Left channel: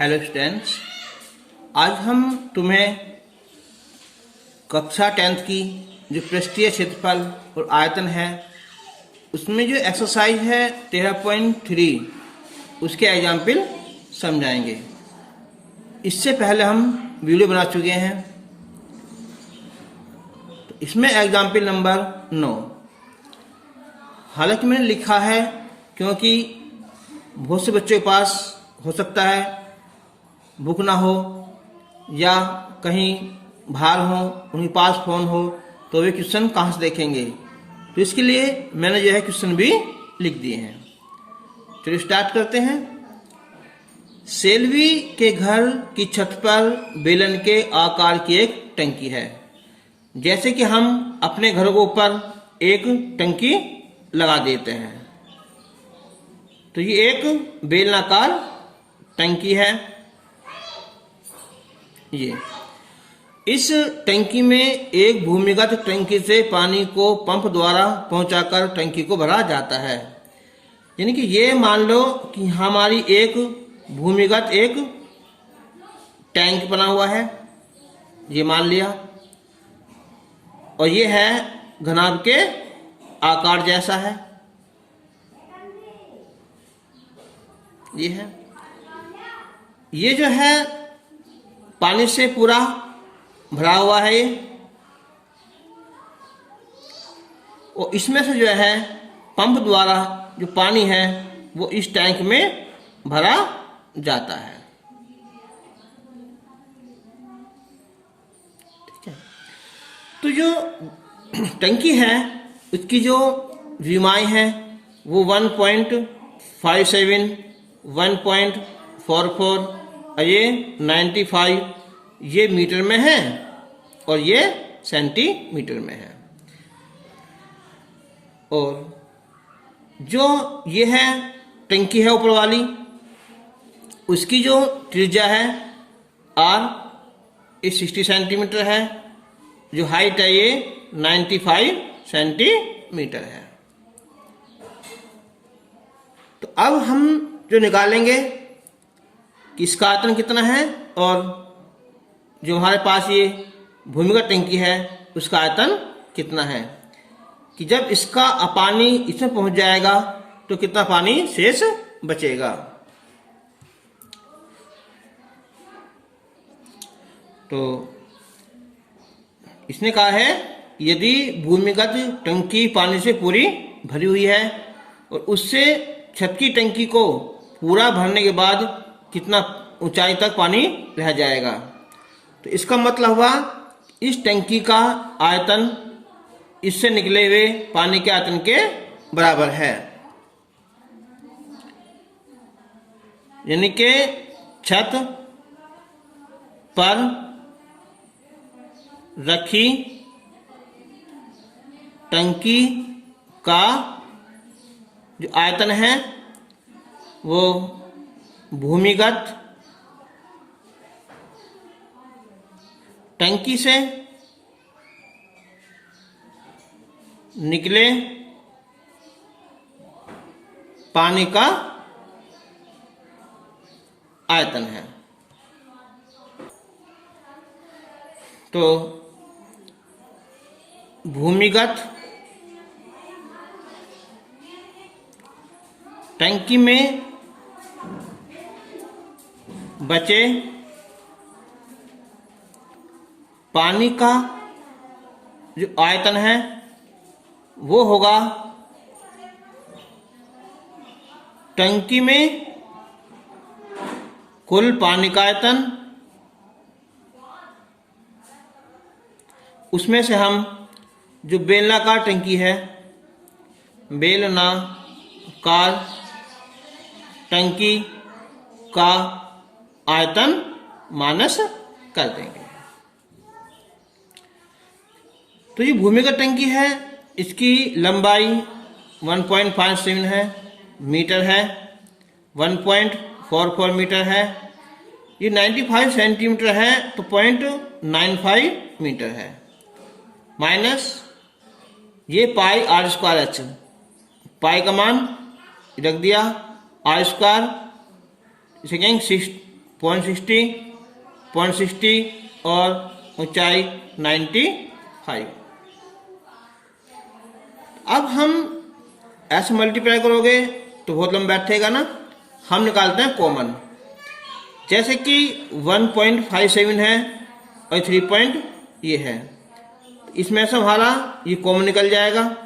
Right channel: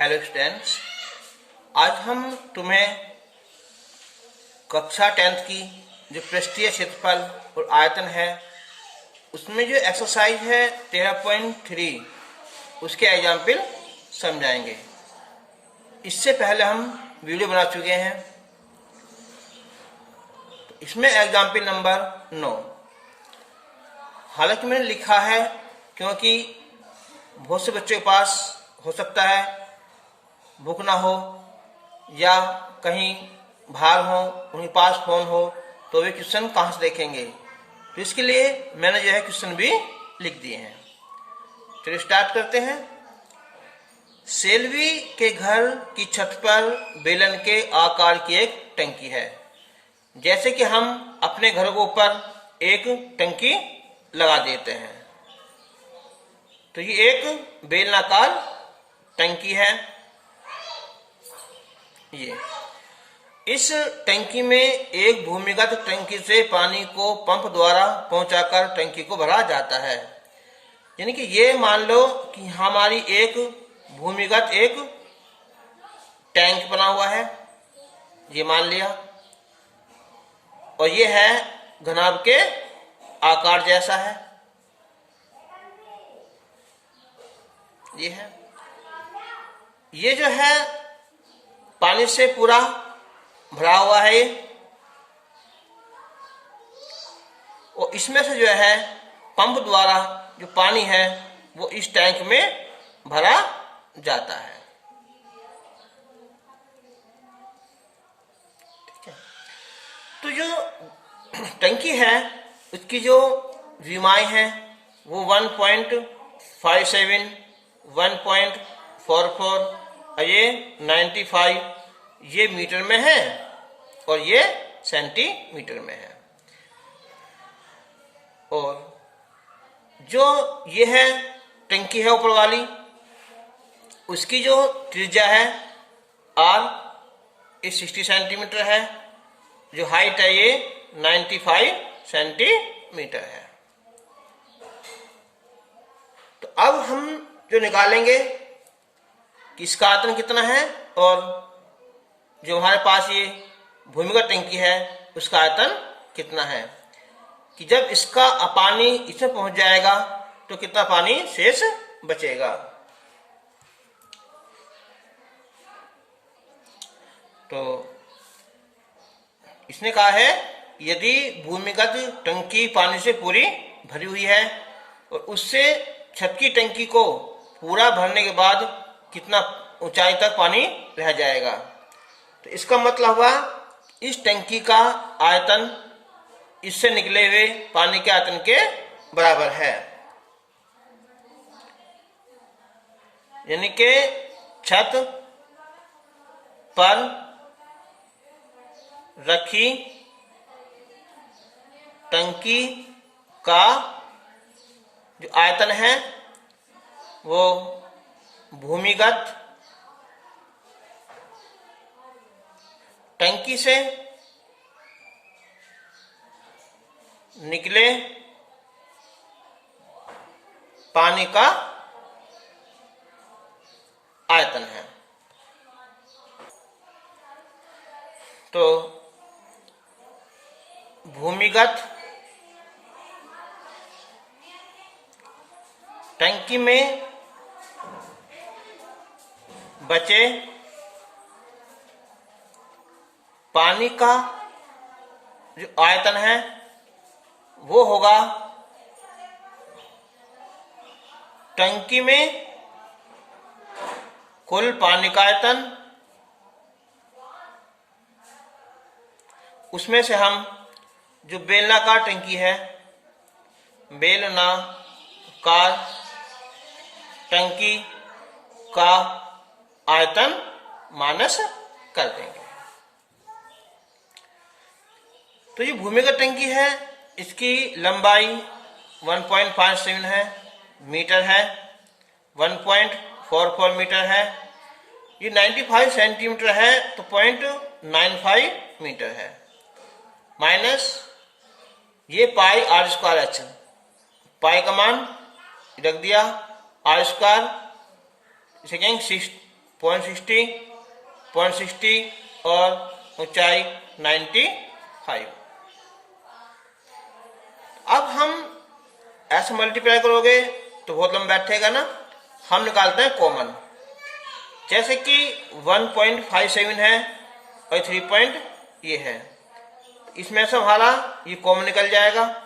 Hello students, आज हम तुम्हें कक्षा 10th की जो पृष्ठीय क्षेत्रफल और आयतन है उसमें जो एक्सरसाइज है 13.3 उसके एग्जाम्पल समझाएंगे। इससे पहले हम वीडियो बना चुके हैं। तो इसमें एग्जाम्पल नंबर 9। हालांकि मैंने लिखा है क्योंकि बहुत से बच्चों के पास हो सकता है बुक ना हो या कहीं बाहर हो, उनके पास फोन हो, तो वे क्वेश्चन कहाँ से देखेंगे। तो इसके लिए मैंने जो है क्वेश्चन भी लिख दिए हैं। चलिए स्टार्ट करते हैं। सेल्वी के घर की छत पर बेलन के आकार की एक टंकी है। जैसे कि हम अपने घरों के ऊपर एक टंकी लगा देते हैं, तो ये एक बेलनाकार टंकी है। ये इस टंकी में एक भूमिगत टंकी से पानी को पंप द्वारा पहुंचाकर टंकी को भरा जाता है। यानी कि ये मान लो कि हमारी एक भूमिगत एक टैंक बना हुआ है, ये मान लिया, और ये है घनाभ के आकार जैसा है, ये है। ये जो है पानी से पूरा भरा हुआ है ये, और इसमें से जो है पंप द्वारा जो पानी है वो इस टैंक में भरा जाता है। ठीक है। तो जो टंकी है उसकी जो विमाएं हैं वो 1.57, 1.44 और ये 95 ये मीटर में है और ये सेंटीमीटर में है। और जो ये है टंकी है ऊपर वाली, उसकी जो त्रिज्या है R ये 60 सेंटीमीटर है, जो हाइट है ये 95 सेंटीमीटर है। तो अब हम जो निकालेंगे कि इसका आयतन कितना है और जो हमारे पास ये भूमिगत टंकी है उसका आयतन कितना है, कि जब इसका पानी इसमें पहुंच जाएगा तो कितना पानी शेष बचेगा। तो इसने कहा है यदि भूमिगत टंकी पानी से पूरी भरी हुई है और उससे छत की टंकी को पूरा भरने के बाद कितना ऊंचाई तक पानी रह जाएगा, तो इसका मतलब हुआ इस टंकी का आयतन इससे निकले हुए पानी के आयतन के बराबर है। यानी कि छत पर रखी टंकी का जो आयतन है वो भूमिगत टंकी से निकले पानी का आयतन है। तो भूमिगत टंकी में बचे पानी का जो आयतन है वो होगा टंकी में कुल पानी का आयतन, उसमें से हम जो बेलनाकार टंकी है बेलनाकार टंकी का आयतन माइनस कर देंगे। तो ये भूमिगत टंकी है, इसकी लंबाई 1.57 है मीटर है, 1.44 मीटर है, ये 95 सेंटीमीटर है तो 0.95 मीटर है, माइनस ये पाई आर स्क्वायर एच, पाई का मान रख दिया, आर स्क्वायर इसे कहेंगे 0.60, 0.60 और ऊंचाई 95। अब हम ऐसे मल्टीप्लाई करोगे तो बहुत लंबा बैठेगा ना। हम निकालते हैं कॉमन। जैसे कि 1.57 है और 3 पॉइंट ये है, इसमें से हमारा ये कॉमन निकल जाएगा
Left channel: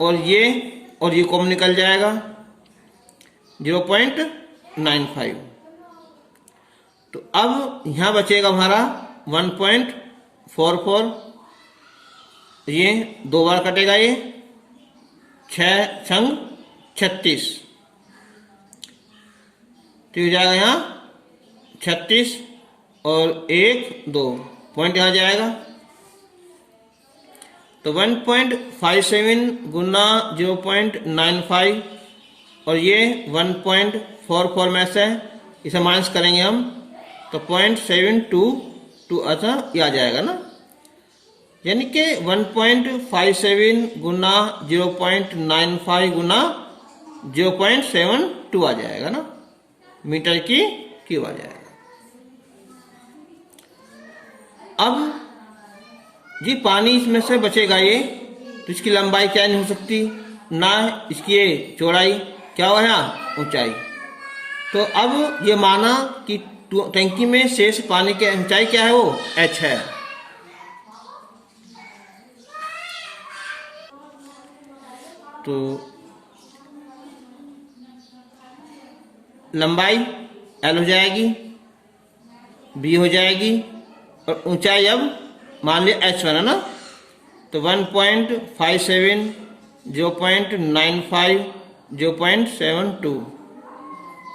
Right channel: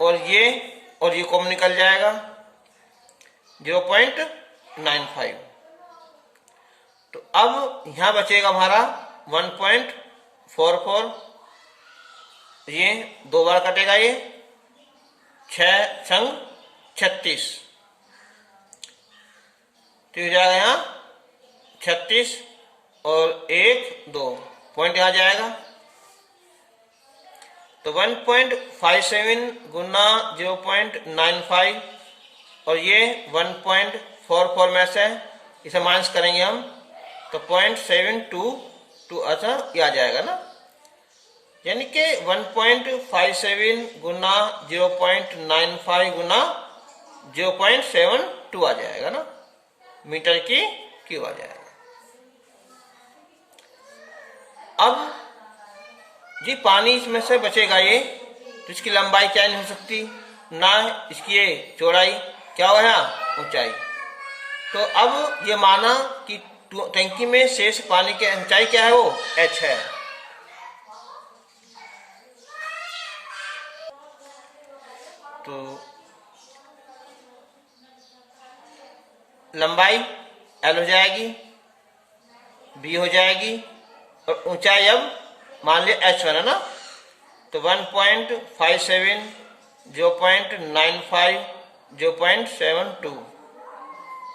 और ये कॉमन निकल जाएगा 0.95। तो अब यहां बचेगा हमारा 1.44। ये 2 बार कटेगा, ये 6 छंग 36, तो हो जाएगा यहाँ 36 और 1 2 पॉइंट यहाँ जाएगा। तो 1.57 गुना 0.95 और ये 1.44 में से इसे माइनस करेंगे हम तो 0.722 अच्छा ये आ जाएगा ना। यानी कि 1.57 गुना 0.95 गुना 0.72 आ जाएगा ना, मीटर की क्यूब आ जाएगा। अब जी पानी इसमें से बचेगा ये, तो इसकी लंबाई क्या नहीं हो सकती ना इसकी ये चौड़ाई, क्या हुआ यहाँ ऊंचाई। तो अब ये माना कि टंकी में शेष पानी की ऊंचाई क्या है, वो h है। तो लंबाई l हो जाएगी, b हो जाएगी और ऊंचाई अब मान लिया h1 है ना। तो 1.57, 0.95, 0.72,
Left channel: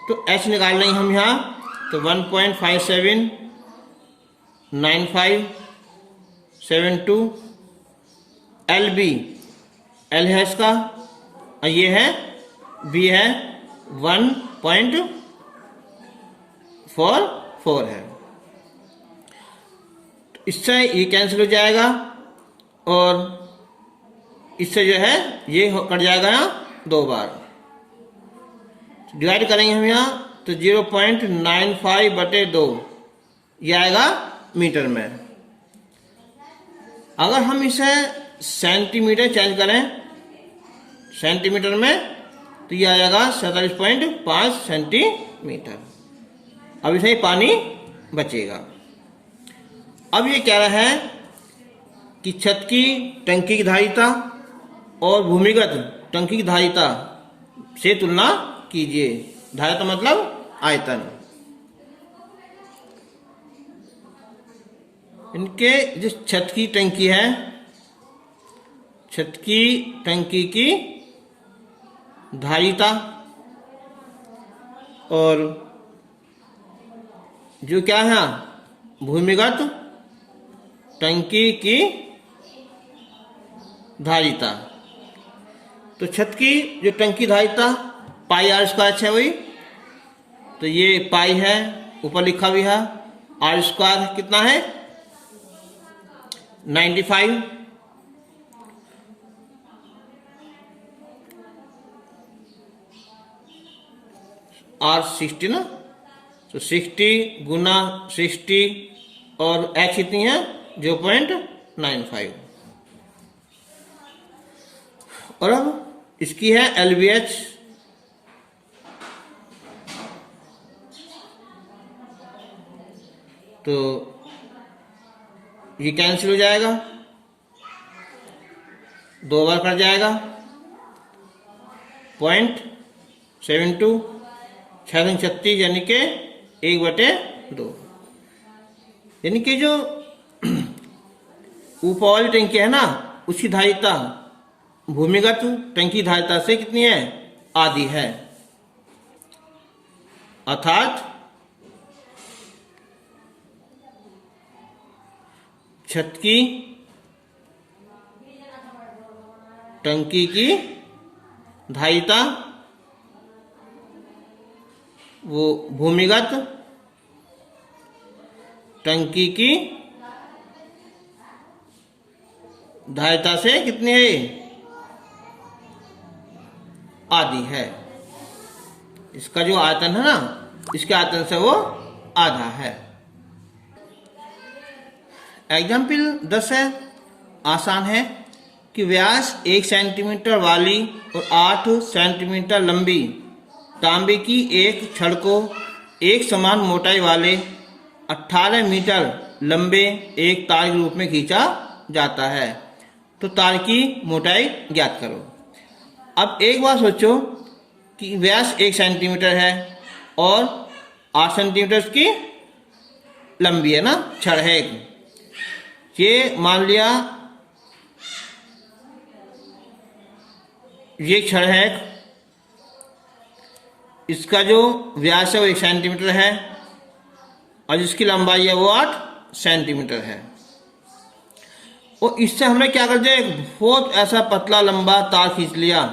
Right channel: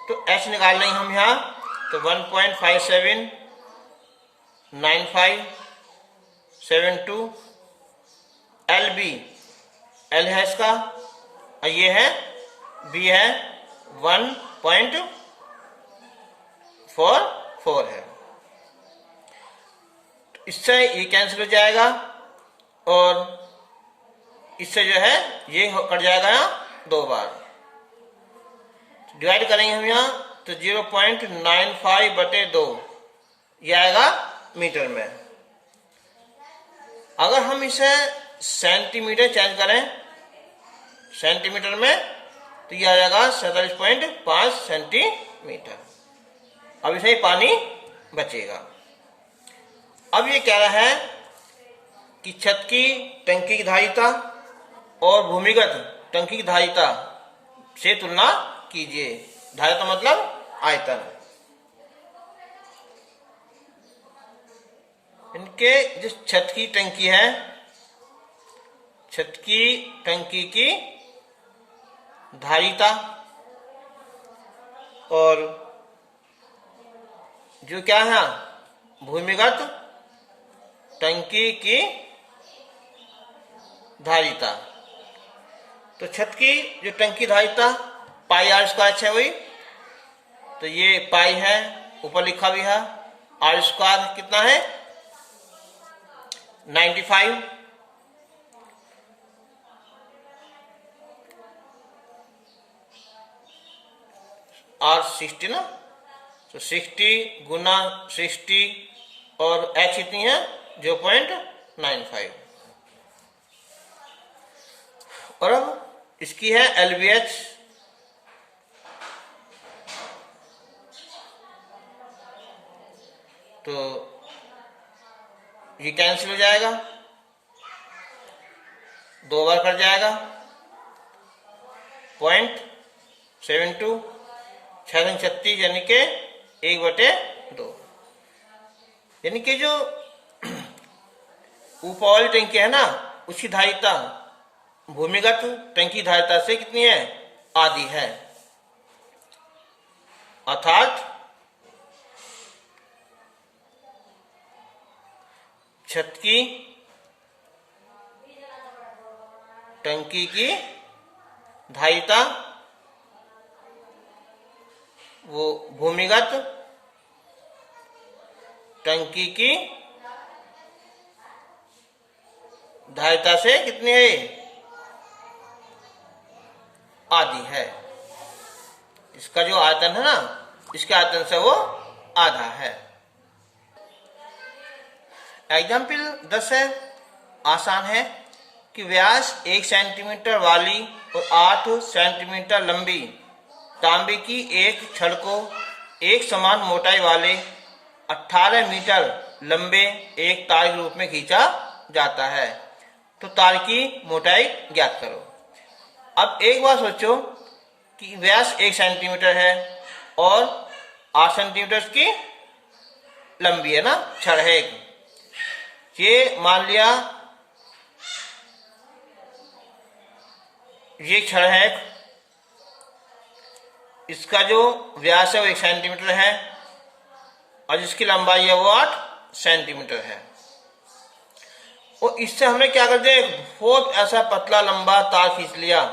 तो h निकाल लेंगे हम यहाँ। तो 1.57, 95, 72, LB, L है इसका और ये है B है 1.44 है। इससे ये कैंसिल हो जाएगा और इससे जो है ये कट जाएगा यहाँ 2 बार। डिवाइड करेंगे हम यहाँ तो 0.95/2 ये आएगा मीटर में। अगर हम इसे सेंटीमीटर चेंज करें सेंटीमीटर में तो ये आ जाएगा 47.5 सेंटीमीटर। अब इसे पानी बचेगा। अब ये कह रहा है कि छत की टंकी की धारिता और भूमिगत टंकी की धारिता से तुलना कीजिए। धारिता मतलब आयतन। इनके जो छत की टंकी है, छत की टंकी की धारिता और जो क्या है भूमिगत टंकी की धारिता। तो छत की जो टंकी धारिता पाई आर स्क्वायर है वही, तो ये पाई है ऊपर लिखा भी है। आर स्क्वायर कितना है 95, आर 60 ना, तो 60 गुना 60 और h कितनी है 0.95। और अब इसकी है LBH, तो ये कैंसिल हो जाएगा, 2 बार कट जाएगा 0.72, 36 यानी कि 1/2। यानी कि जो ऊपर वाली टंकी है ना उसकी धारिता भूमिगत टंकी धारिता से कितनी है आधी है। अर्थात छत की टंकी की धारिता वो भूमिगत टंकी की धारिता से कितनी है आधी है। इसका जो आयतन है ना इसके आयतन से वो आधा है। एग्जाम्पल 10 है, आसान है कि व्यास 1 सेंटीमीटर वाली और 8 सेंटीमीटर लंबी तांबे की एक छड़ को एक समान मोटाई वाले 18 मीटर लंबे एक तार के रूप में खींचा जाता है, तो तार की मोटाई ज्ञात करो। अब एक बात सोचो कि व्यास 1 सेंटीमीटर है और 8 सेंटीमीटर की लंबी है ना, छड़ है एक। ये मान लिया ये छड़ है, इसका जो व्यास है वो 1 सेंटीमीटर है और इसकी लंबाई है वो 8 सेंटीमीटर है। और इससे हमने क्या कर दिया, एक बहुत ऐसा पतला लंबा तार खींच लिया।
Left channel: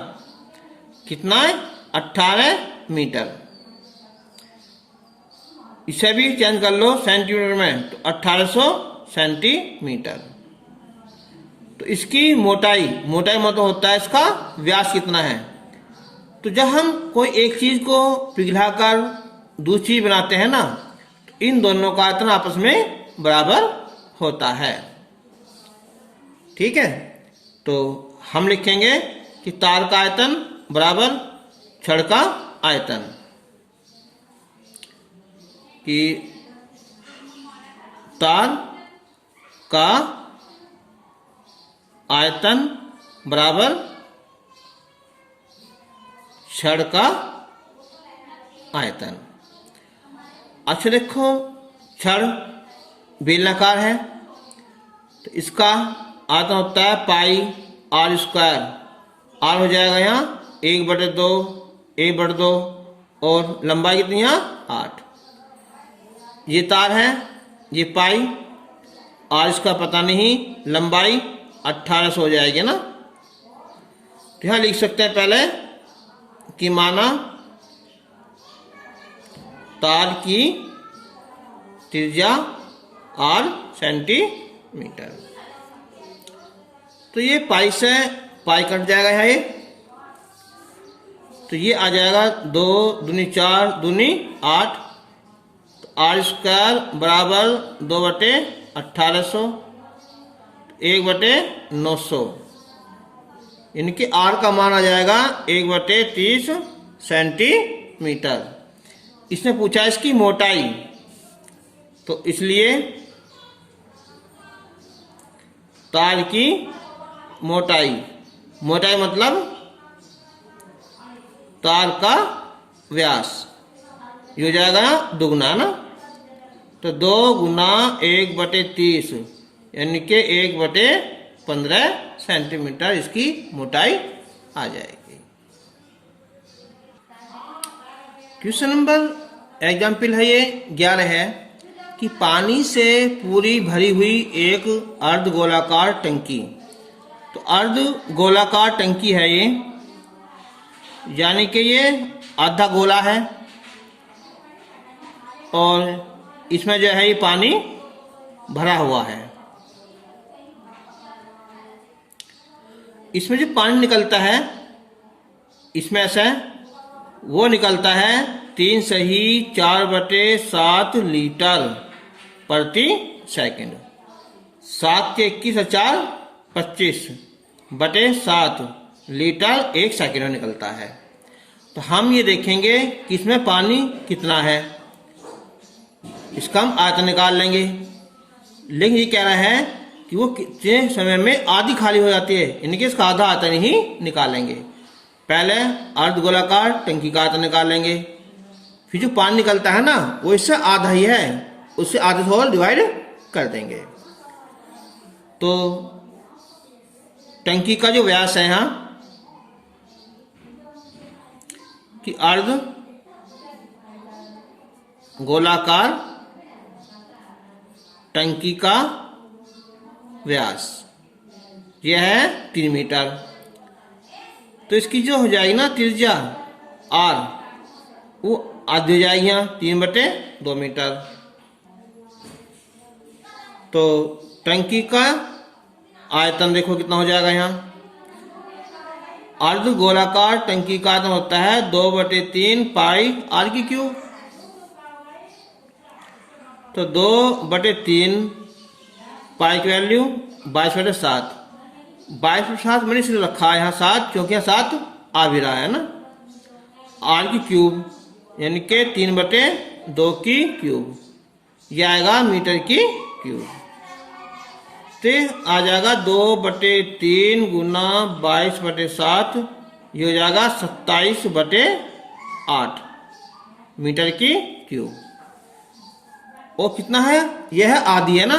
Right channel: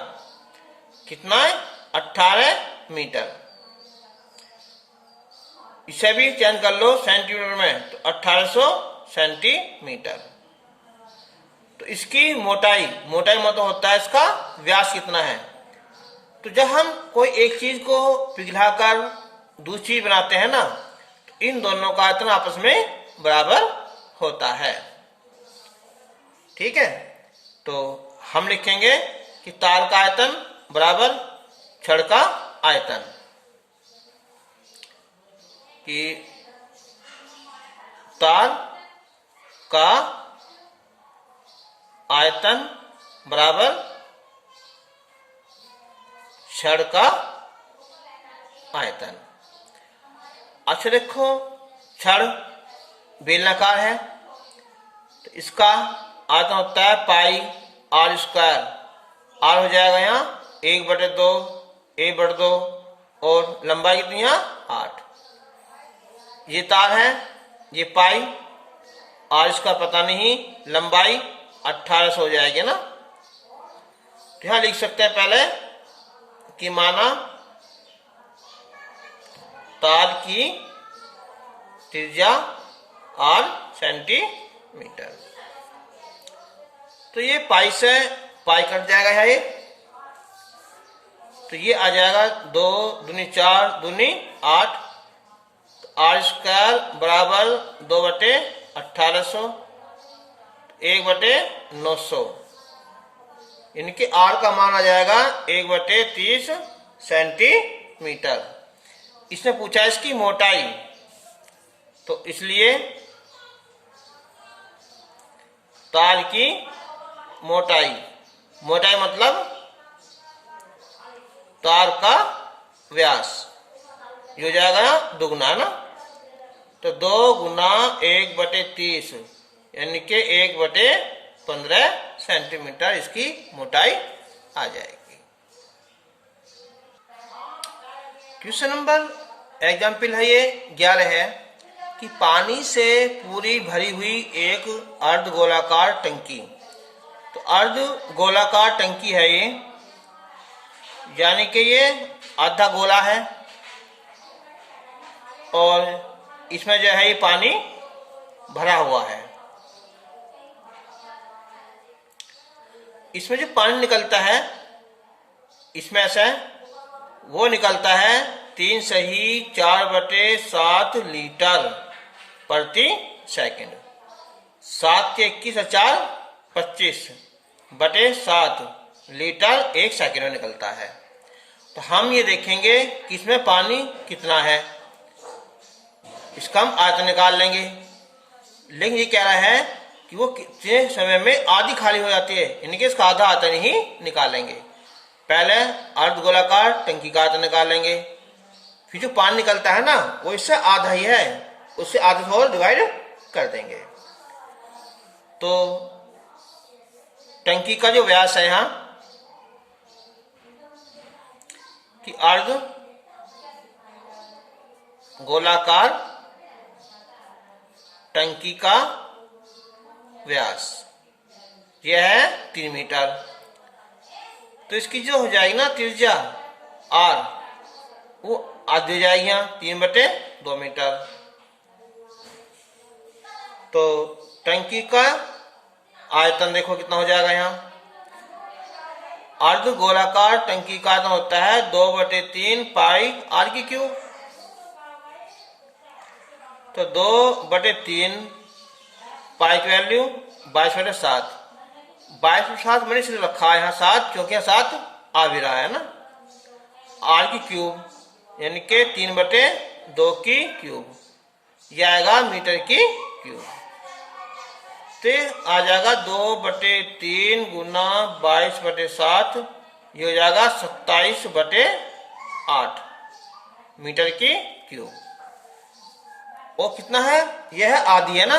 कितना है? 18 मीटर। इसे भी चेंज कर लो सेंटीमीटर में, तो 1800 सेंटीमीटर। तो इसकी मोटाई मतलब होता है इसका व्यास कितना है। तो जब हम कोई एक चीज को पिघलाकर दूसरी चीज बनाते हैं ना, तो इन दोनों का आयतन आपस में बराबर होता है। ठीक है, तो हम लिखेंगे कि तार का आयतन बराबर छड़ का आयतन, कि तार का आयतन बराबर छड़ का आयतन। अच्छा देखो, छड़ बेलनाकार है तो इसका आयतन होता है पाई आर स्क्वायर। आर हो जाएगा यहाँ 1/2, 1/2 और लंबाई कितनी है 8। ये तार है, ये पाई, आर इसका पता नहीं, लंबाई 1800 हो जाएगी ना। तो यहां लिख सकते हैं पहले कि माना तार की त्रिज्या 8 सेंटीमीटर। तो ये पाई से पाई कट जाएगा यहाँ, तो ये आ जाएगा 2 दूनी 4 दूनी 8। आर स्क्वायर बराबर 2/1800, 1/900, यानी कि आर का मान आ जाएगा 1/30 सेंटीमीटर। इसने पूछा इसकी मोटाई, तो इसलिए तार की मोटाई मतलब तार का व्यास, ये हो जाएगा दुगना ना, तो 2 गुना 1/30 यानी कि 1/15 सेंटीमीटर इसकी मोटाई आ जाएगी। क्वेश्चन नंबर एग्जाम्पल है ये 11 है कि पानी से पूरी भरी हुई एक अर्ध गोलाकार टंकी। तो अर्ध गोलाकार टंकी है ये, यानी कि ये आधा गोला है और इसमें जो है ये पानी भरा हुआ है। इसमें जो पानी निकलता है इसमें से वो निकलता है 3 सही 4/7 लीटर प्रति सेकंड। 7 के 21 और 4 25/7 लीटर एक सेकंड में निकलता है। तो हम ये देखेंगे कि इसमें पानी कितना है, इसका हम आयतन निकाल लेंगे। लेकिन ये कह रहा है कि वो कितने समय में आधी खाली हो जाती है, यानी कि इसका आधा आयतन ही निकालेंगे। पहले अर्ध गोलाकार टंकी का आयतन निकाल लेंगे, फिर जो पानी निकलता है ना वो इससे आधा ही है, उससे आधे से और डिवाइड कर देंगे। तो टंकी का जो व्यास है यहाँ कि अर्ध गोलाकार टंकी का व्यास यह है 3 मीटर। तो इसकी जो हो जाएगी ना त्रिज्या आर, वो आधी हो जाएगी यहाँ 3/2 मीटर। तो टंकी का आयतन देखो कितना हो जाएगा यहाँ। अर्ध गोलाकार टंकी का आयतन होता है 2/3 पाई आर की क्यूब। तो 2/3 पाई की वैल्यू 22/7। 22/7 मैंने इसलिए रखा है यहाँ 7, क्योंकि यहाँ 7 आ भी रहा है ना। आर की क्यूब यानी कि 3/2 की क्यूब, यह आएगा मीटर की क्यूब। तो आ जाएगा 2/3 गुना 22/7, ये हो जाएगा 27/8 मीटर की क्यूब। और कितना है, यह है आधी है ना।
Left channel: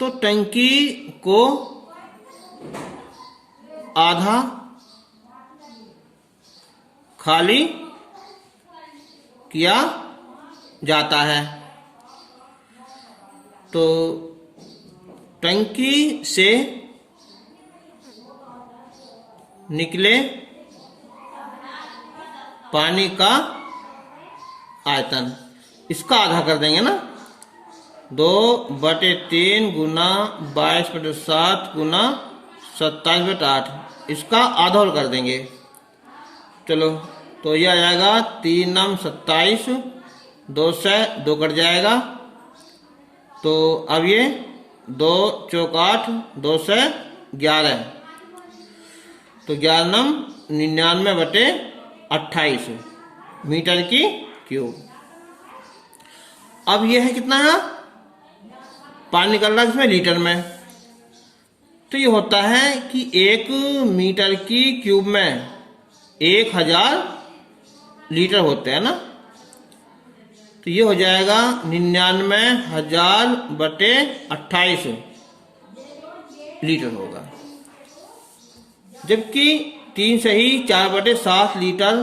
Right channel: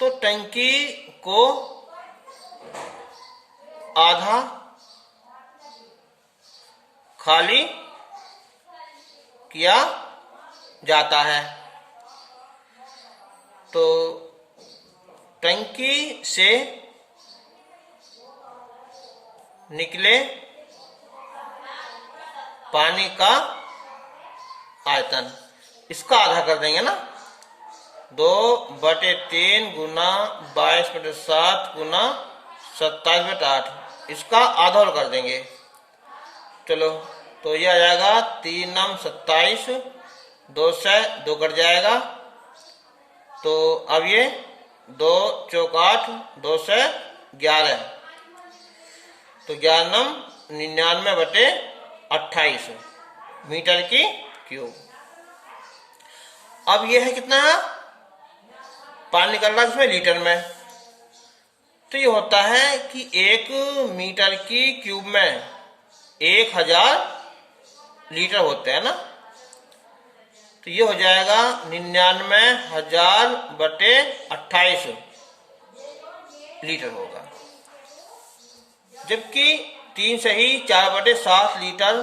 तो टंकी को आधा खाली किया जाता है। तो टंकी से निकले पानी का आयतन, इसका आधा कर देंगे ना। 2/3 गुना 22/7 गुना 27/8, इसका आधा और कर देंगे। चलो, तो यह आ जाएगा 3 9 27, 2 से 2 कट जाएगा। तो अब ये 2 चौक 8, 2 से 11, तो 11 99/28 मीटर की क्यूब। अब ये है कितना है, पानी निकल रहा है इसमें लीटर में। तो ये होता है कि 1 मीटर की क्यूब में 1000 लीटर होते हैं ना। तो ये हो जाएगा 99,000/28 लीटर होगा। जबकि 3 से ही 4/7 लीटर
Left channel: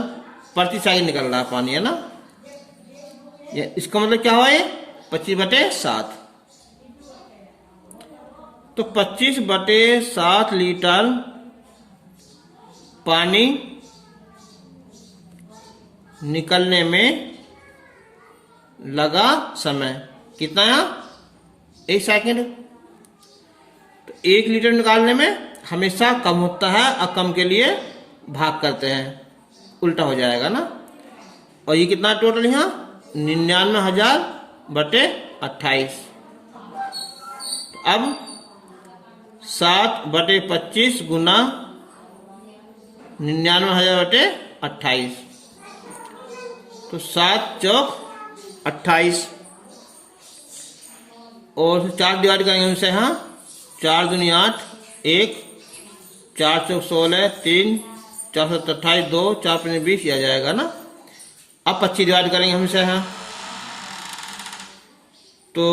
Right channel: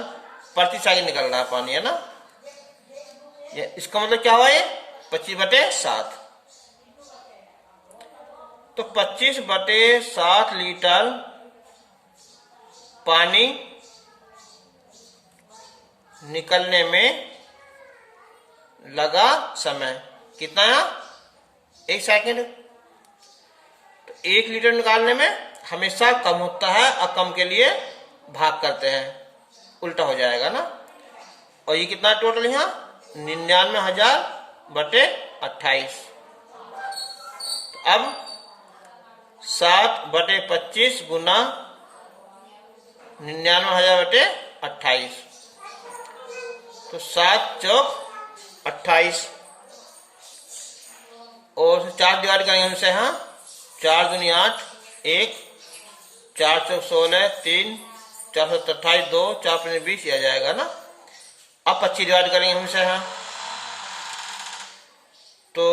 प्रति सेकंड निकल रहा है पानी, है ना। इसका मतलब क्या हुआ, ये 25/7। तो 25/7 लीटर पानी निकलने में लगा समय कितना है, 1 सेकंड। तो 1 लीटर निकालने में हमेशा कम होता है, और कम के लिए भाग करते हैं, उल्टा हो जाएगा ना। और ये कितना टोटल यहाँ 99,000/28। अब 7/25 गुना 99,000/28, तो 7 चौक 28, और 4 डिवाइड करेंगे उनसे। हाँ, 4 दूनी 8, 1, 4 चौक 16, 3, 4 7 28, 2, 4 5 20, आ जाएगा ना। अब 25 डिवाइड करेंगे हमसे। हाँ, तो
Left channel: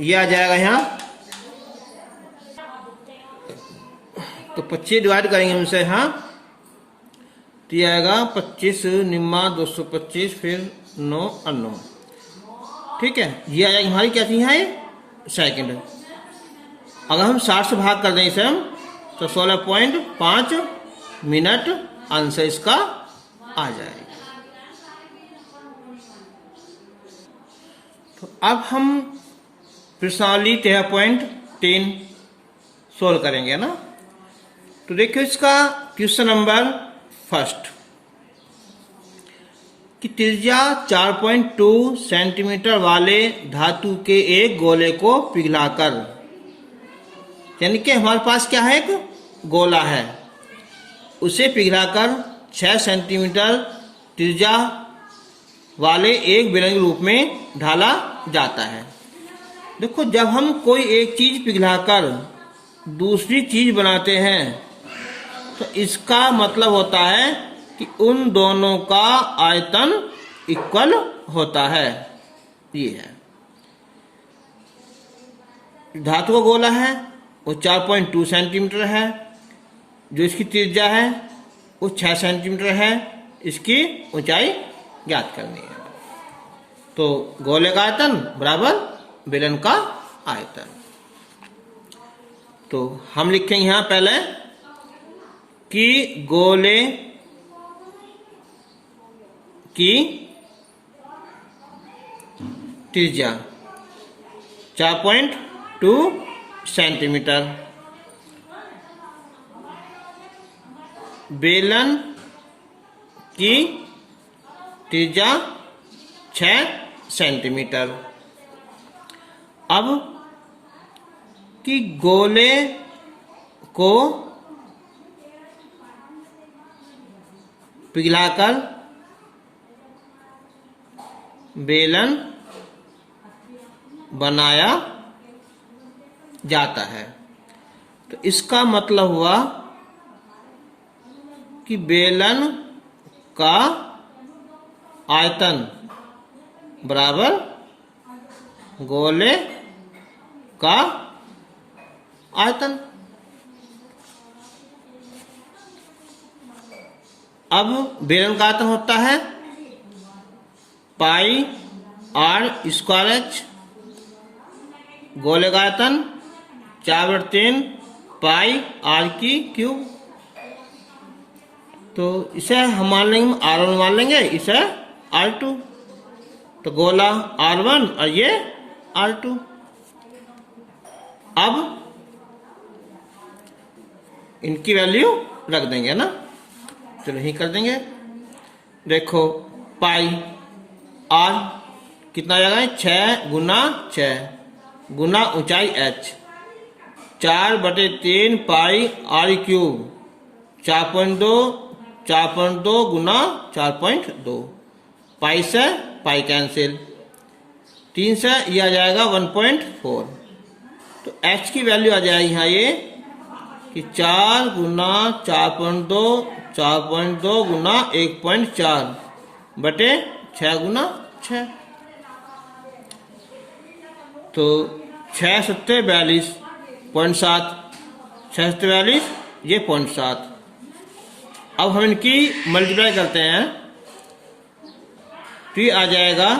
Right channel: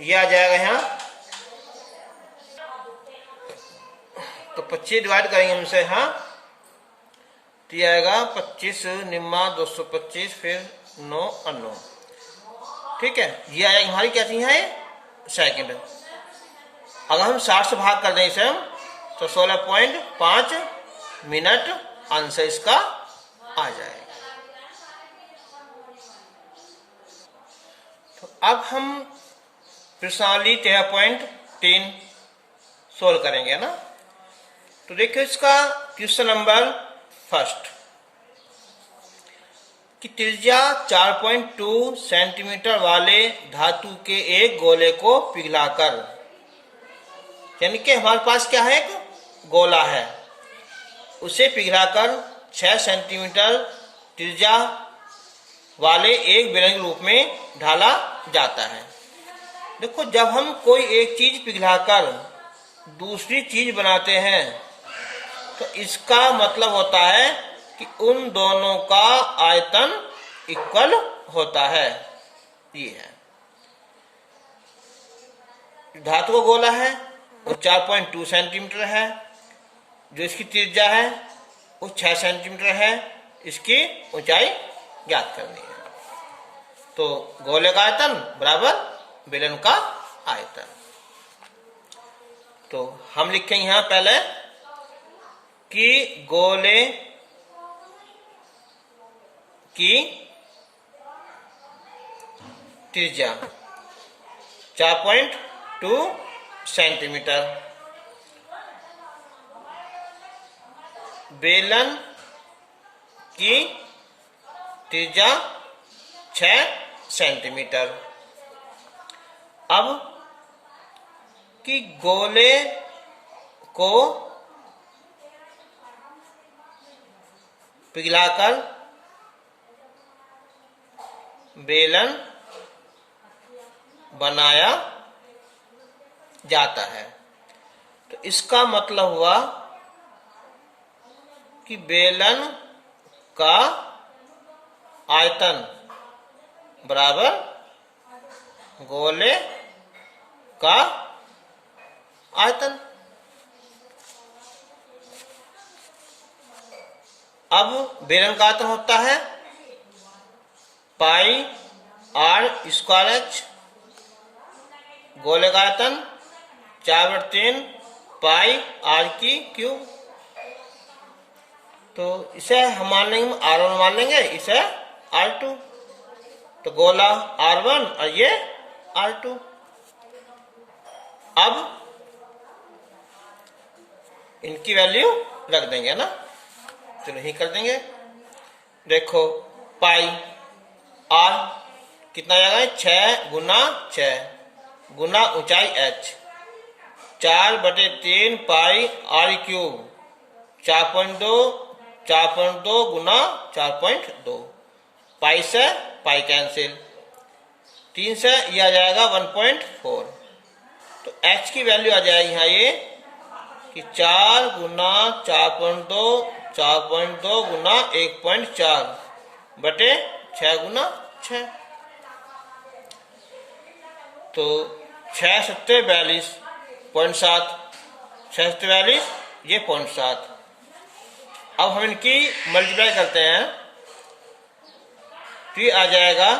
ये आ जाएगा यहाँ, तो 25 डिवाइड करेंगे हमसे। हाँ, तो ये आएगा 25 निम्मा 225, फिर 9 और 9, ठीक है। ये आएगा हमारी क्या थी है सेकंड। अगर हम 60 से भाग कर दें इसे हम, तो 16.5 मिनट आंसर इसका आ जाएगा। तो अब हम प्रश्नावली 13.3 सोल्व करेंगे ना। तो देखिए इसका क्वेश्चन नंबर फर्स्ट, कि त्रिज्या 4.2 सेंटीमीटर वाले धातु के एक गोले को पिघलाकर, यानी कि हमारे पास क्या है, एक गोला है, उसे पिघलाकर 6 सेंटीमीटर त्रिज्या वाले एक बेलन के रूप में ढाला जाता है। देखो, जब हम कोई एक चीज पिघलाकर दूसरी चीज बनाते हैं, तो इसका मतलब होता है कि उन दोनों का आयतन इक्वल होता है। ये है, धातु का गोला है, वो 4.2 सेंटीमीटर है, जो इसकी त्रिज्या है वो 6 सेंटीमीटर है, इसकी ऊंचाई ज्ञात करनी है। तो गोले का आयतन बराबर बेलन का आयतन। तो हम लिखेंगे यहां पहले कि गोले की त्रिज्या 4.2 सेंटीमीटर, बेलन की त्रिज्या 6 सेंटीमीटर। अब कि गोले को पिघलाकर बेलन बनाया जाता है, तो इसका मतलब हुआ कि बेलन का आयतन बराबर गोले का आयतन। अब बेलन का आयतन होता है पाई आर स्क्वायर एच, गोले का आयतन 4/3 पाई आर की क्यूब। तो इसे हम मान लेंगे R1 मान लेंगे, इसे R2, तो गोला R1 और ये R2। अब इनकी वैल्यू रख देंगे ना, चलो यही कर देंगे। देखो पाई आर कितना आ जाएगा, 6 गुना 6 गुना ऊंचाई h, 4/3 पाई आर क्यूब, 4.2 गुना 4.2, पाई से पाई कैंसिल, 3 से ये आ जाएगा 1.4। तो h की वैल्यू आ जाएगी यहाँ ये कि 4 गुना 4.2 गुना 1.4 बटे 6 गुना 6। तो 6 सत्ते 42.7, 6 सत्ते 42, ये 0.7। अब हम इनकी मल्टीप्लाई करते हैं तो ये आ जाएगा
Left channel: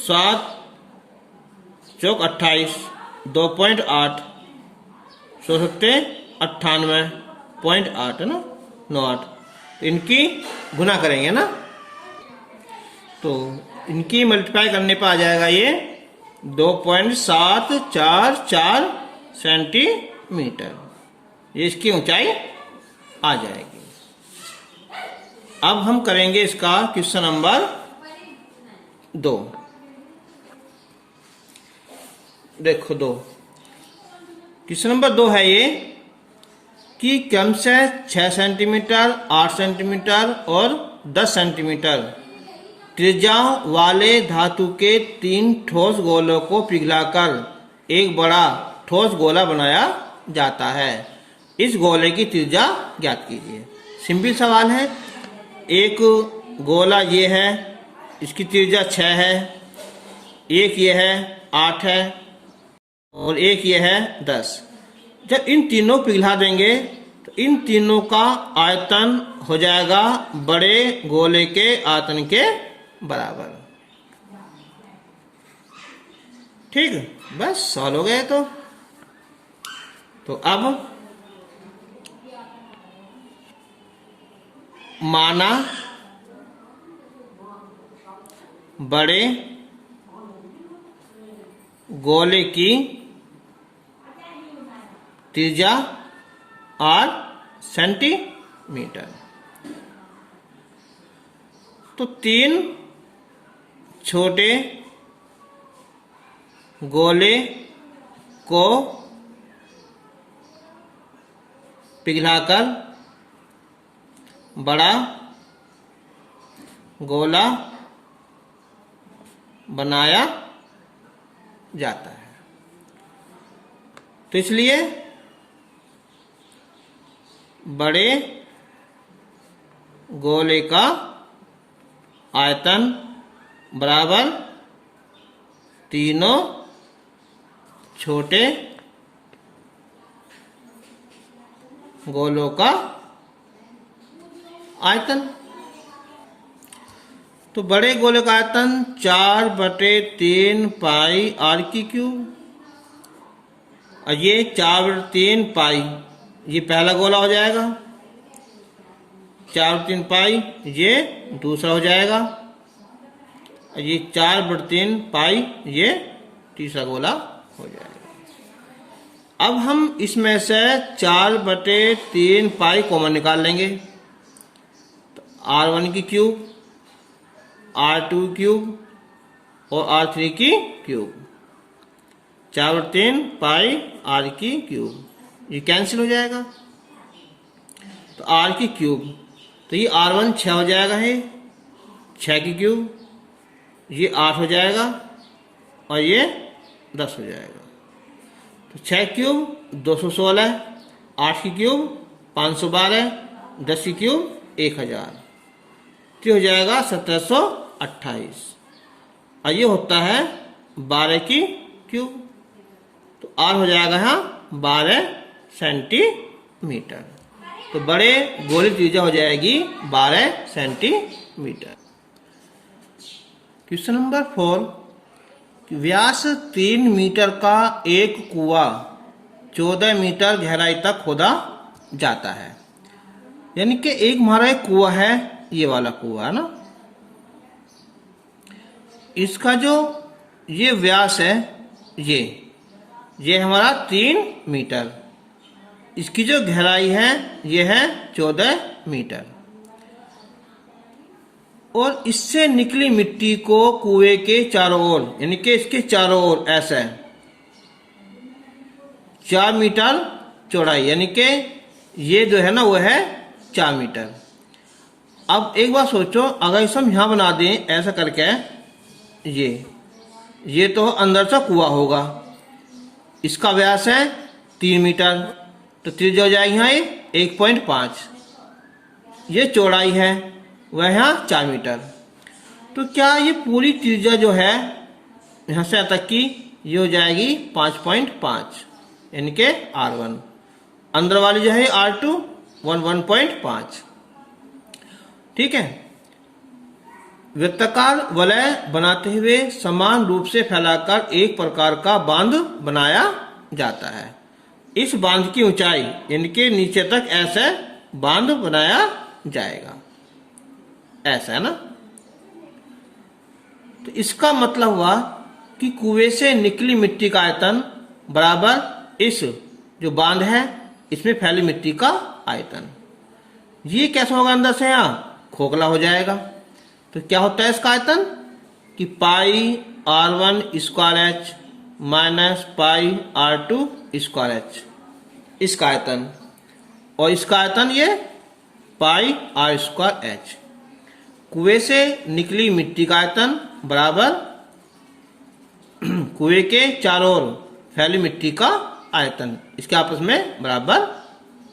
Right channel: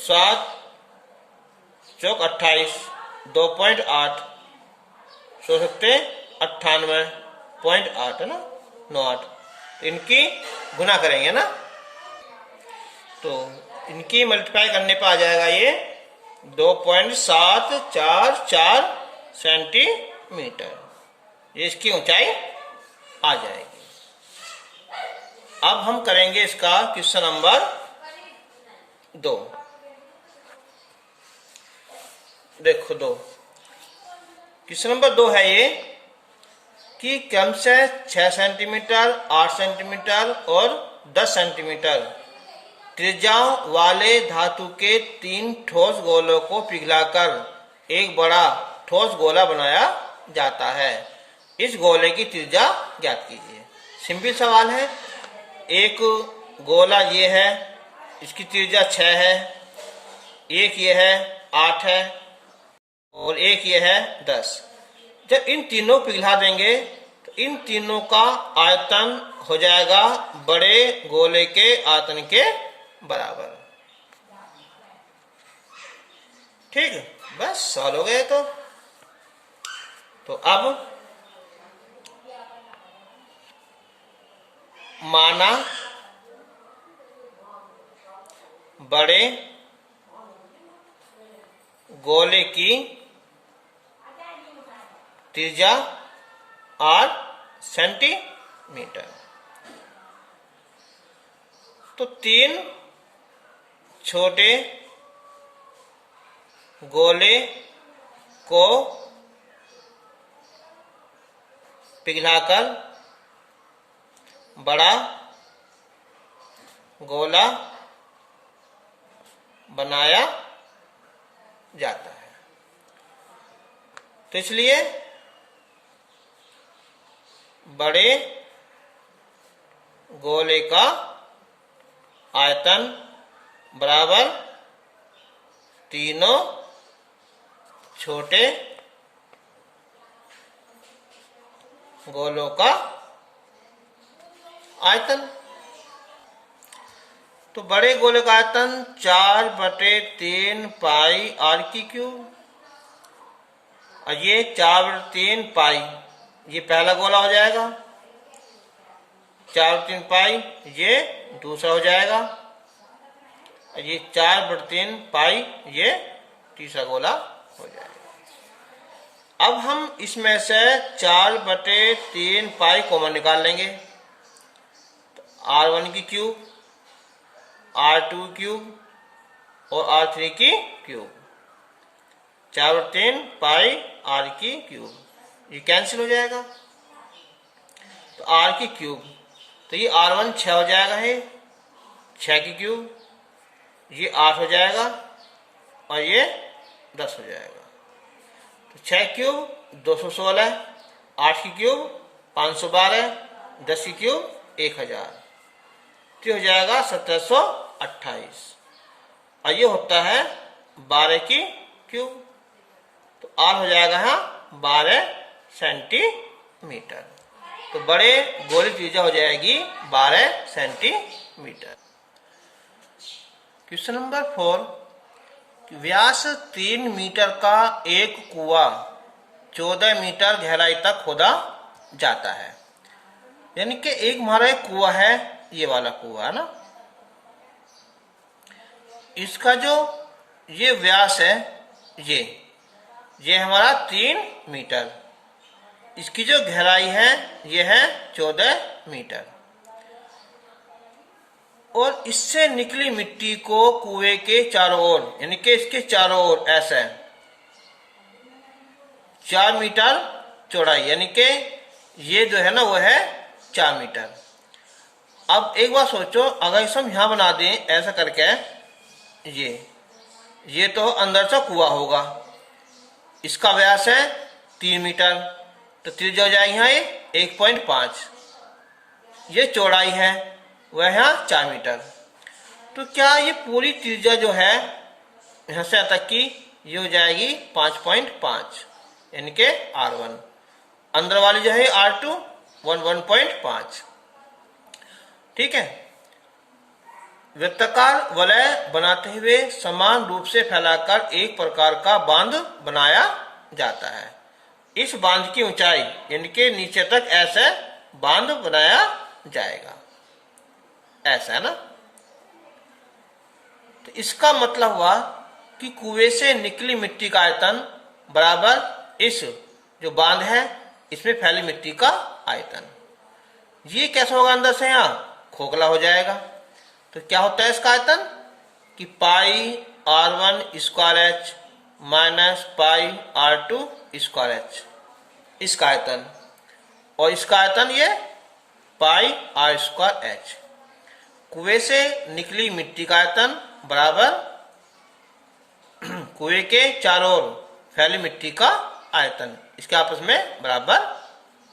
7 चौक 28, 2.8, 100 सत्ते 98.8 है ना, 98। इनकी गुना करेंगे ना, तो इनकी मल्टीप्लाई करने पर आ जाएगा ये 2.744 सेंटीमीटर, ये इसकी ऊंचाई आ जाएगी। अब हम करेंगे इसका क्वेश्चन नंबर 2। देखो 2 क्वेश्चन नंबर 2 है ये कि क्रम से 6 सेंटीमीटर, 8 सेंटीमीटर और 10 सेंटीमीटर त्रिज्याओं वाले धातु के 3 ठोस गोलों को पिघलाकर एक बड़ा ठोस गोला बनाया जाता है। इस गोले की त्रिज्या ज्ञात कीजिए। सिंपल सवाल है। एक गोला ये है, इसकी त्रिज्या 6 है, एक ये है 8 है और एक ये है 10। जब इन तीनों पिघला देंगे तो इन तीनों का आयतन हो जाएगा बड़े गोले के आयतन के बराबर। ठीक, बस सॉल्व हो गए। तो अब माना बड़े गोले की त्रिज्या 8 सेंटीमीटर, तो 3 छोटे गोले को पिघलाकर बड़ा गोला बनाया जाता है। तो इसलिए बड़े गोले का आयतन बराबर तीनों छोटे गोलों का आयतन। तो बड़े गोले का आयतन 4/3 पाई आर की क्यूब, और ये 4/3 पाई, ये पहला गोला हो जाएगा, 4/3 पाई ये दूसरा हो जाएगा, और ये 4/3 पाई ये तीसरा गोला हो जाएगा। अब हम इसमें से 4/3 पाई कॉमन निकाल लेंगे। तो R1 की क्यूब R2 क्यूब और R3 की क्यूब, 4/3 पाई R की क्यूब, ये कैंसिल हो जाएगा। तो R की क्यूब, तो ये R1 6 हो जाएगा, है 6 की क्यूब, ये 8 हो जाएगा और ये 10 हो जाएगा। तो 6 क्यूब 216, 8 की क्यूब 512, 10 की क्यूब 1000, तो हो जाएगा 1728। और ये होता है 12 की क्यूब, तो R हो जाएगा यहाँ 12 सेंटीमीटर। तो बड़े गोले त्रिज्या हो जाएगी 12 सेंटीमीटर। क्वेश्चन नंबर 4, व्यास 3 मीटर का एक कुआं 14 मीटर गहराई तक खोदा जाता है। यानी कि एक हमारा एक कुआं है, ये वाला कुआं है ना, इसका जो ये व्यास है, ये हमारा 3 मीटर, इसकी जो गहराई है ये है 14 मीटर, और इससे निकली मिट्टी को कुएं के चारों ओर, यानी कि इसके चारों ओर ऐसे 4 मीटर चौड़ाई, यानी कि ये जो है ना वो है 4 मीटर। अब एक बार सोचो, अगर इसे हम यहां बना दें ऐसा करके, ये तो अंदर से कुआं होगा, इसका व्यास है 3 मीटर, तो त्रिज्या हो जाएगी यहाँ ये 1.5, ये चौड़ाई है वह यहाँ 4 मीटर। तो क्या ये पूरी त्रिज्या जो है यहाँ से तक की ये हो जाएगी 5.5, यानी कि R1, अंदर वाली जो है R2 1.5। ठीक है। वृत्ताकार वलय बनाते हुए समान रूप से फैलाकर एक प्रकार का बांध बनाया जाता है। इस बांध की ऊंचाई यानी कि नीचे तक ऐसे बांध बनाया जाएगा, ऐसा है ना। तो इसका मतलब हुआ कि कुएं से निकली मिट्टी का आयतन बराबर इस जो बांध है इसमें फैली मिट्टी का आयतन। ये कैसा होगा, अंदर से यहां खोखला हो जाएगा। तो क्या होता है इसका आयतन कि पाई R1 square H minus pi R2 square H, इसका आयतन, और इसका आयतन ये पाई R स्क्वायर एच। कुएं से निकली मिट्टी का आयतन बराबर कुएं के चारों ओर फैली मिट्टी का आयतन, इसके आपस में बराबर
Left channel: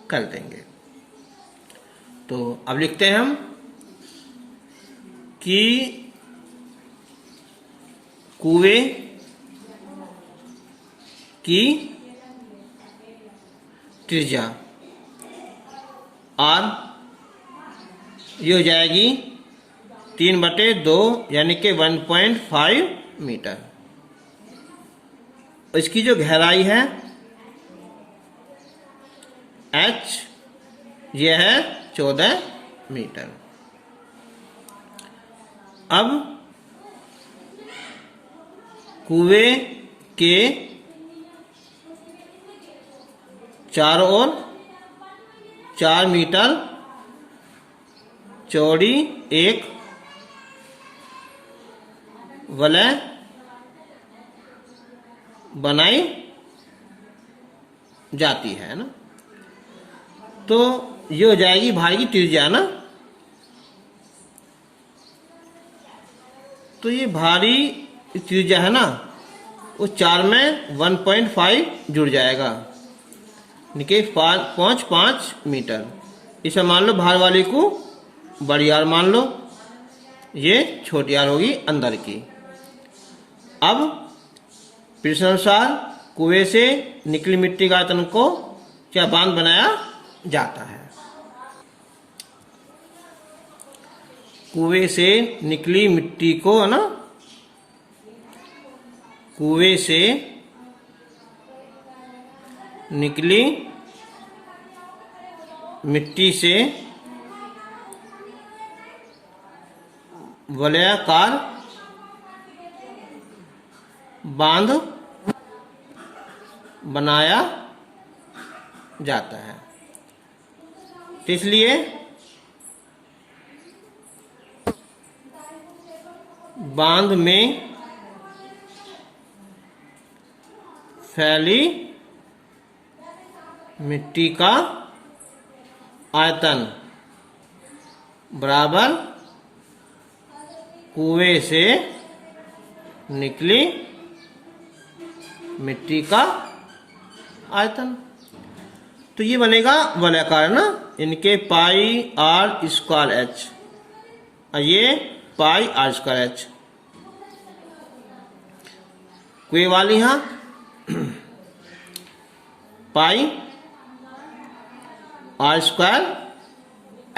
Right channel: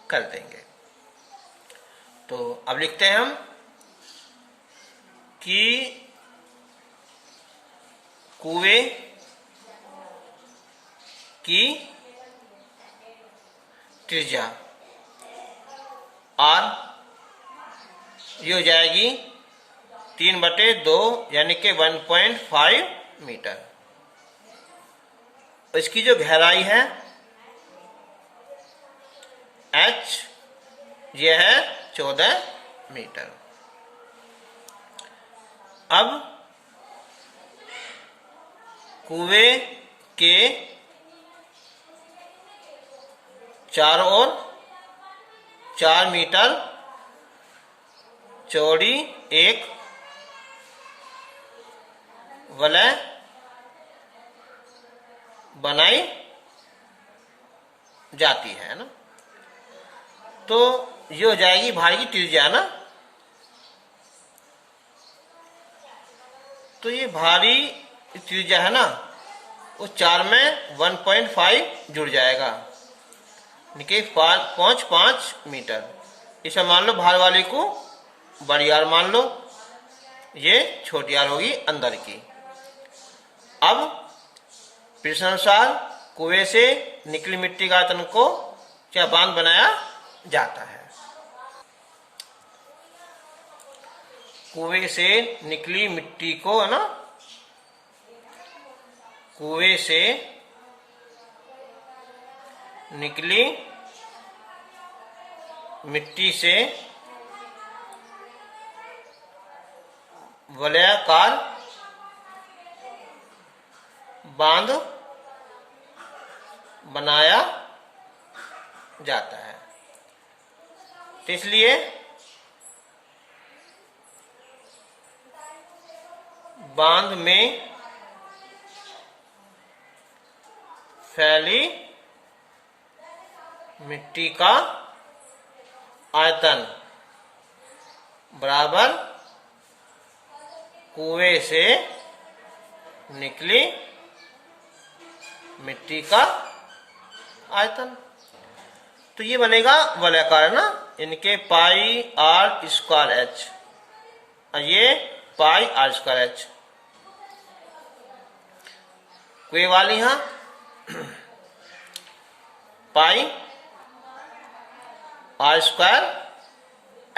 कर देंगे। तो अब लिखते हैं हम कि कुएं की त्रिज्या R ये हो जाएगी 3/2 यानी कि 1.5 मीटर। इसकी जो गहराई है H ये है 14 मीटर। अब कुएं के चारों ओर 4 मीटर चौड़ी एक वलय बनाई जाती है ना। तो ये हो जाएगी भारी की त्रिज्या ना। तो ये भारी त्रिज्या है ना, वो 4 में 1.5 जुड़ जाएगा, यानी 5 मीटर। इसे मान लो भार वाली को बड़ी आर मान लो, ये छोटी आर होगी अंदर की। अब प्रश्नानुसार कुएं से निकली मिट्टी का आयतन को क्या बांध बनाया जाता है। कुएं से निकली मिट्टी को है ना, कुएं से निकली मिट्टी से वलयाकार बांध बनाया जाता है। तो इसलिए बांध में फैली मिट्टी का आयतन बराबर कुएं से निकली मिट्टी का आयतन। तो ये बनेगा वलयाकार ना, इनके पाई आर स्क्वायर एच और ये पाई आर स्क्वायर एच। कुएं वाली यहां पाई आर स्क्वायर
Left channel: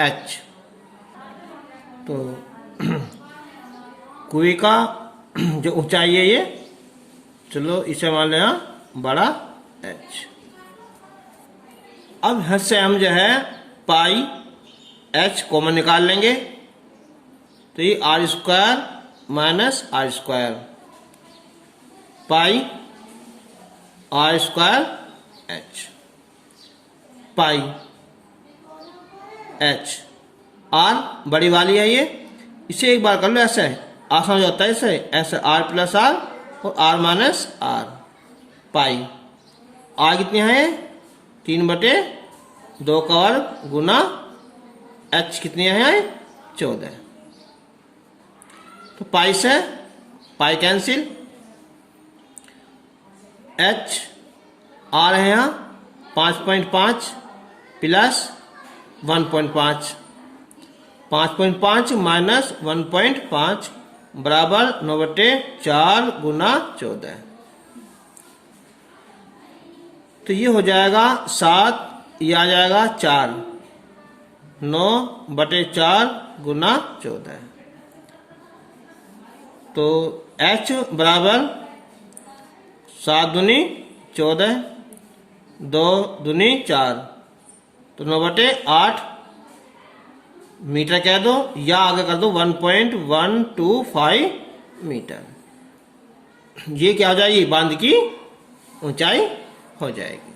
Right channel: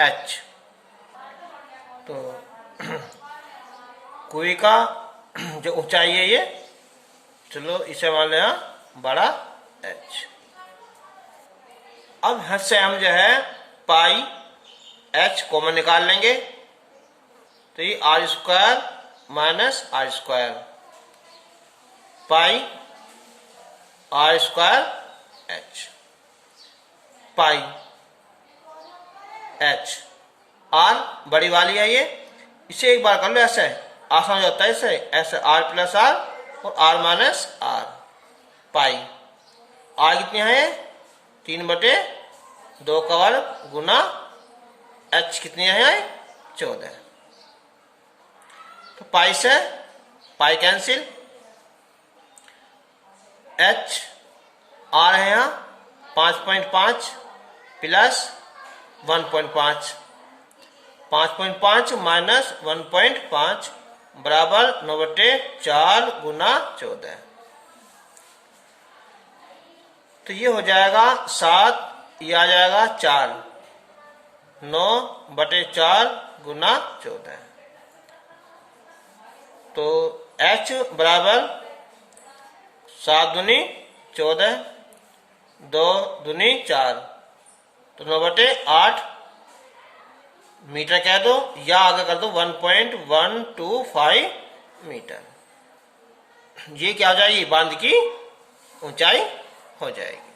एच। तो कुएं का जो ऊंचाई है ये, चलो इसे मान लें बड़ा एच। अब हद से हम जो है पाई एच कॉमन निकाल लेंगे, तो ये r square minus r square pi r square h, pi h. R बड़ी वाली है ये, इसे एक बार कर लो ऐसे, आसान हो जाता है इसे ऐसे, आर प्लस आर और R minus R pi. R कितनी है 3/2 का वर्ग गुना एच कितनी है 14। तो पाई से पाई कैंसिल, एच आ रहे हैं यहाँ 5.5 प्लस 1.5, 5.5 माइनस 1.5 बराबर 9/4 गुना 14। तो ये हो जाएगा 7, ये आ जाएगा 4, 9/4 गुना 14। तो h बराबर 7 दूनी 14, 2 दूनी 4, तो 9/8 मीटर कह दो या आगे कर दो 1.125 मीटर। ये क्या हो जाएगी, बांध की ऊंचाई हो जाएगी।